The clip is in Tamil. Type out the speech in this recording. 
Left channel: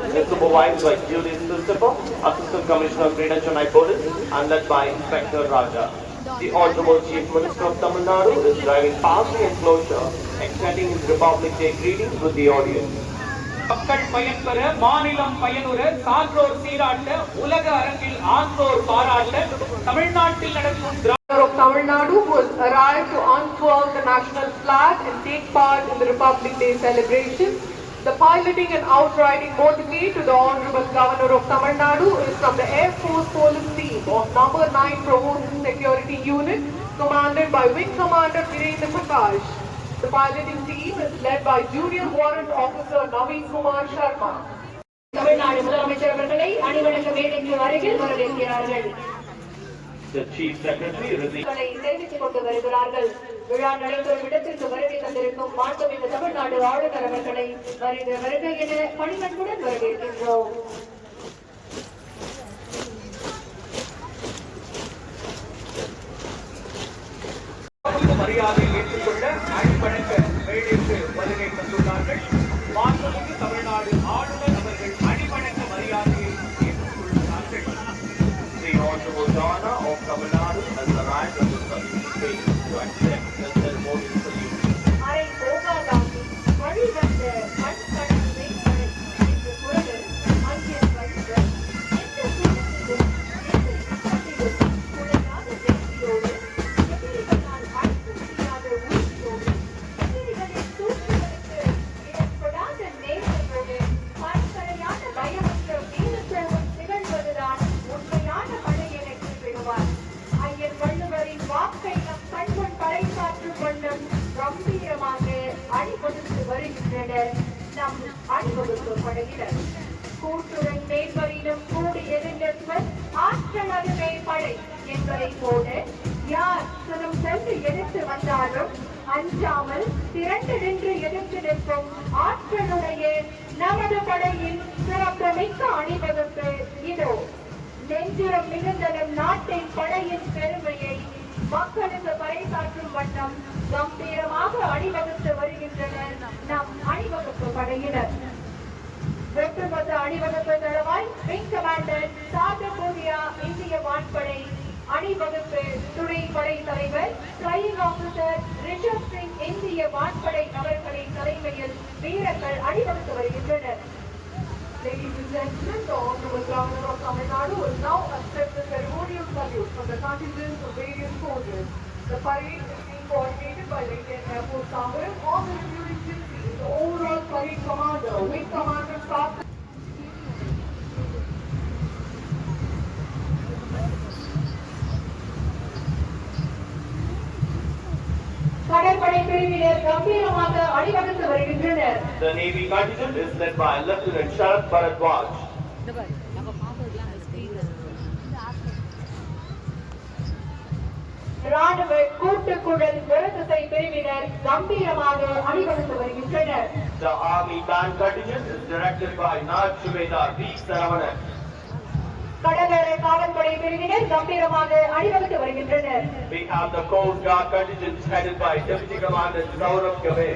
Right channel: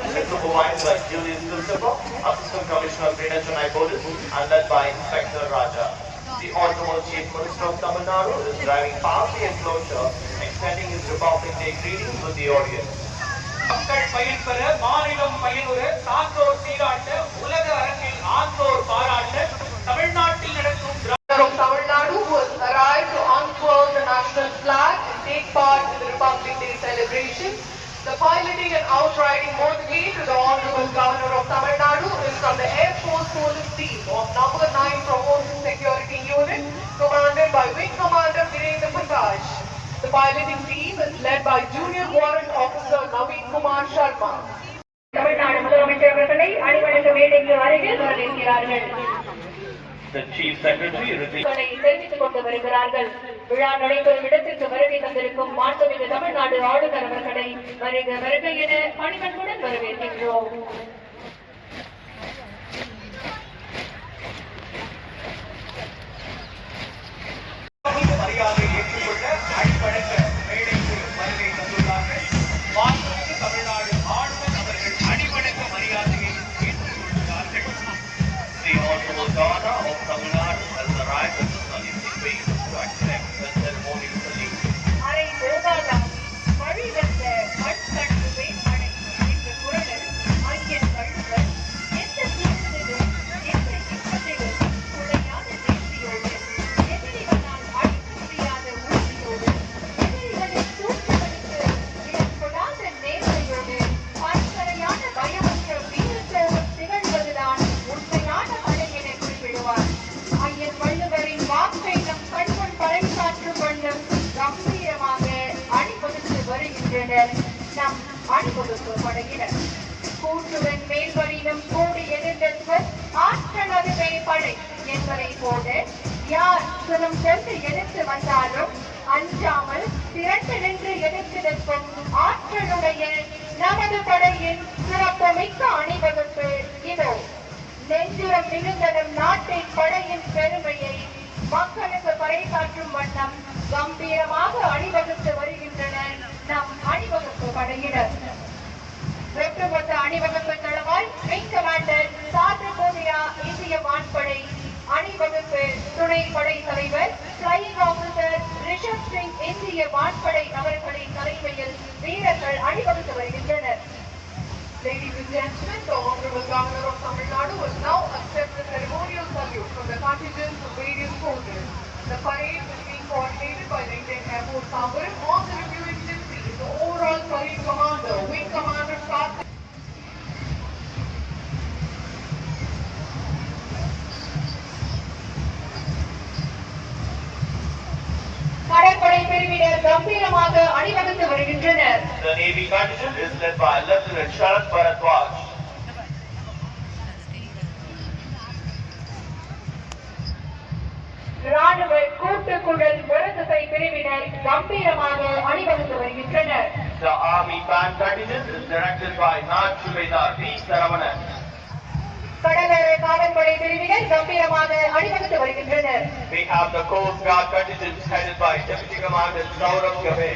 Supervised by Julius Lucifer, Assistant Commissioner of Greater Chennai Police, and led by Inspector Raja. The Honorable Chief Minister of Tamil Nadu is driving past the enclosure, extending his Republic Day greetings with the audience. மக்கள் பயன்பெற மாநிலம் பயனுற சான்றோர் சீராட்ட உலக அரங்கில் ஆன்றோர் பாராட்ட தமிழ்நாட்டில் நடக்கும் Governor of Tamil Nadu who has arrived to unfurl the national flag and take part in the Republic Day celebration. The piloting and outriding motivate to the Honorable Governor of Tamil Nadu is from the Air Force Police Team of number 9 Promotion Security Unit commanded by Wing Commander Virendra Prakash. The piloting team is led by Junior Warrant Officer Naveen Kumar Sharma. Tamil Nadu முதலமைச்சர் அவர்களை அணிவகுக்க மேடைக்கு அருகில் வரவேற்கிறார்கள் The Chief Secretary received உங்களை தெரிவித்துக் கொண்டு வருகிறார்கள் விழா நடைபெறும் இடத்திற்கு வருகை தந்திருக்கும் மாண்புமிகு தமிழ்நாடு ஆளுநர் அவர்களை வருக வருக என பணிவன்புடன் வரவேற்கின்றோம். மரியாதை ஏற்றுக்கொள்ள அடிப்படைக்க மேடைக்கு வருகை தந்துள்ளார்கள். வாக்குறுதி தமிழ்நாடு ஆளுநர் அவர்கள் அடிவணக்க மரியாதையை ஏற்றுக்கொள்கிறார்கள். The Honorable Governor of Tamil Nadu has arrived at the saluting phase You are kept under monitoring வாக்கை பறைசாற்று கண்முன் கம்பீரமாக அணிவகுத்து வருகின்றனர். நம் அணிவகுப்பு படையினர். கூட்டுடன் மேல்வரிலும் கூடி எதிர்ந்தவர் ஆற்றல் அதுவே படை என்பதை போல யார் சிலம் சென்று எதிர்த்து வந்தாலும் அஞ்சாமல் திரண்டு நின்று எதிர்த்து நிற்கும் ஆற்றலுடைய நமது படையின் சிறப்புமிக்க அணிவகுப்பு இதோ. நெஞ்சுரம் மிகுந்தனம் நாட்டின் படையின் பெருமையை மக்களுக்கு பறைசாற்றும் வண்ணம் கம்பீரமாக அணிவகுத்து வருகின்றனர். நம் அணிவகுப்பு படையினர். ஒட்டுமொத்த அணிவகுப்பு தளவாய் விங் கமாண்டர் சார்பு இந்திய வான்படை அணிவகுப்பு துணை படை தலைவர் பிளையிங் ஆபீசர் ரிஷப் சிங் இந்திய வான்படை அவர்களின் தலைமையில் வீரர்கள் அணிவகுத்து வருகின்றனர். Ladies and gentlemen, the Honorable Governor of Tamil Nadu will now accept the ceremonial salute from the contingents of various forces. The parade is being coordinated by the Indian Air Force Sambaran on the reviewing gypsy is the overall parade commander, Wing Commander Karthik. பிரிவினர் கம்பீரமாக அணிவகுத்து வருகின்றனர் The Navy contingent is led by Lieutenant Sharad Bharadwaj. ராணுவ கூட்டுக்குழல் முரசை பிரிவினர் கம்பீரமாக அணிவகுத்து வருகின்றனர் The Army Band contingent is directed by Nag Subedar V. Saravanan. கடலோர காவல்படை பிரிவினர் கம்பீரமாக அணிவகுத்து வருகின்றனர் We have the Coast Guard contingent headed by Deputy Commander Saurabh Gabe.